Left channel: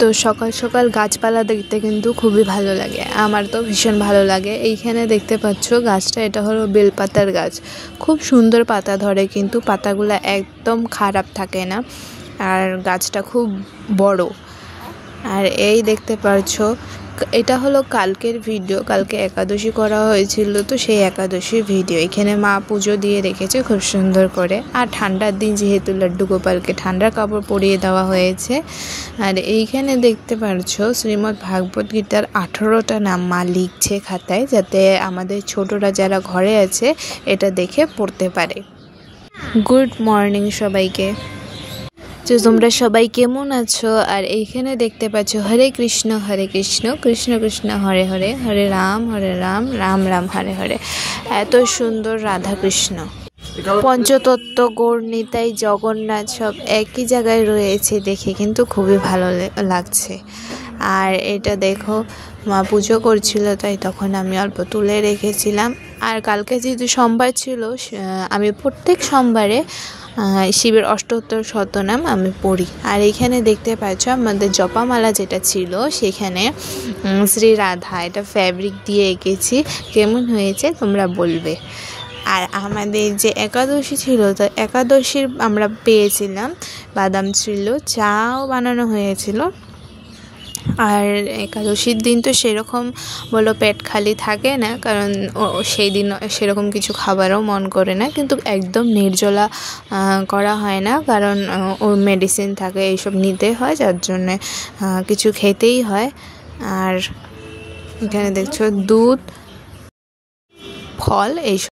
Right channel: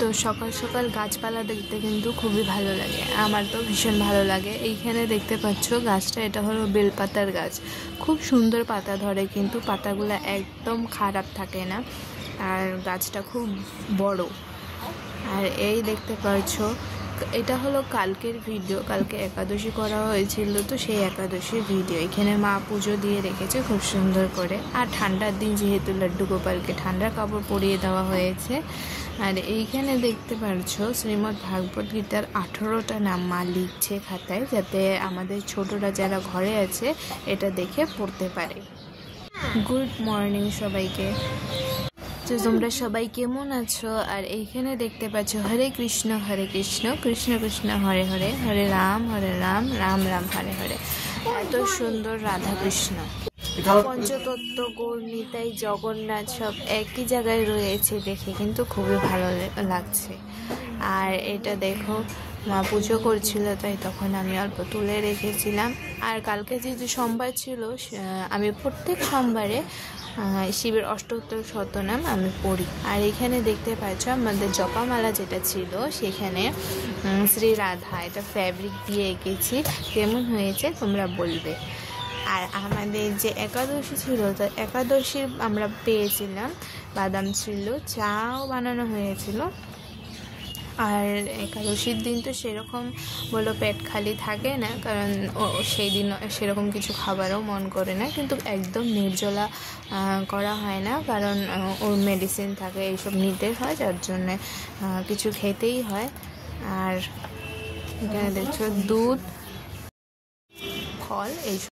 তো সকাল সকাল গাছপালা দেখতে কিন্তু খুবই ভালো লাগে, আমার তো ভীষণ ভালো লাগে। এইখানে দেখতে পাচ্ছ গাছটা, এটা হলো বেলপাতার গাছ। খুব সুন্দর পাতা ধরে, কিন্তু পাতাগুলো একদম খারাপ থাকে না, আর গাছটা খুব বড়। আর এই দেখতে পাচ্ছ, এটা হলো কালকের ভিডিও, কালকে একাদশী করা হয়েছিল, তো সেই একাদশীর ভিডিও। এখানে মা পুজো দিয়ে রেখেছে খুব সুন্দর করে। আর ঠান্ডার দিন যেহেতু লাড্ডু গোপালকে ঠান্ডার কাপড় পরিয়ে দেওয়া হয়েছে। আর এইখানে দেখতে পাচ্ছ শ্রীমদ্ ভাগবত গীতার 18টা নাম মা লিখছে খাতায়, যাতে আমাদের ছোটরা যারা ঘরে আছে এটা দেখে পড়তে পারে। গুড মর্নিং সবাইকে, তো তোমরা সবাই কেমন আছো? আর এইখানে দেখতে পাচ্ছ হরে কৃষ্ণ কৃষ্ণ কৃষ্ণ হরে হরে, হরে রাম রাম রাম হরে হরে। এত সুন্দর রাধা কৃষ্ণ, পঞ্চতত্ত্ব গৌর নিতাই জগন্নাথ সব একই জায়গায় রয়েছে, দেখে কিন্তু খুবই ভালো লাগছে। আর এটা দেখো, মা পুজো করছিল, তাই তখন আমি অল্প তুলে রেখেছিলাম। আর কালকে যেহেতু সোমবার ছিল, আমি প্রত্যেক সোমবারে শিবের অষ্টোত্তর শতনাম আমি পড়ি। আর এইখানে দেখতে পাচ্ছ আমাদের জপামালা যেটা ছিল, সেখানে শ্রী রাধা, এটা ফ্যাব্রিক দিয়ে এঁকেছি। কেমন হয়েছে তোমরা বলবে। আর আমাদের যে একাদশী ছিল, তো একাদশীর আমরা পেয়েছিলাম বাদাম ছিল, চাও বানানো হয়েছিল। আর একাদশীর দিন তো সেরকম বলো পেট খালি থাকে না, কারণ সেই দিন সেরকম কিছু খাবারও মন করে না, কিন্তু একদম নির্জলা করা হয় না, কারণ ওর মেডিসিন থাকে, এইসব নিতে হয়, যার জন্যে কিছু খেতেই হয়। আর এখানে দেখছো দুধ, ফল, এইসব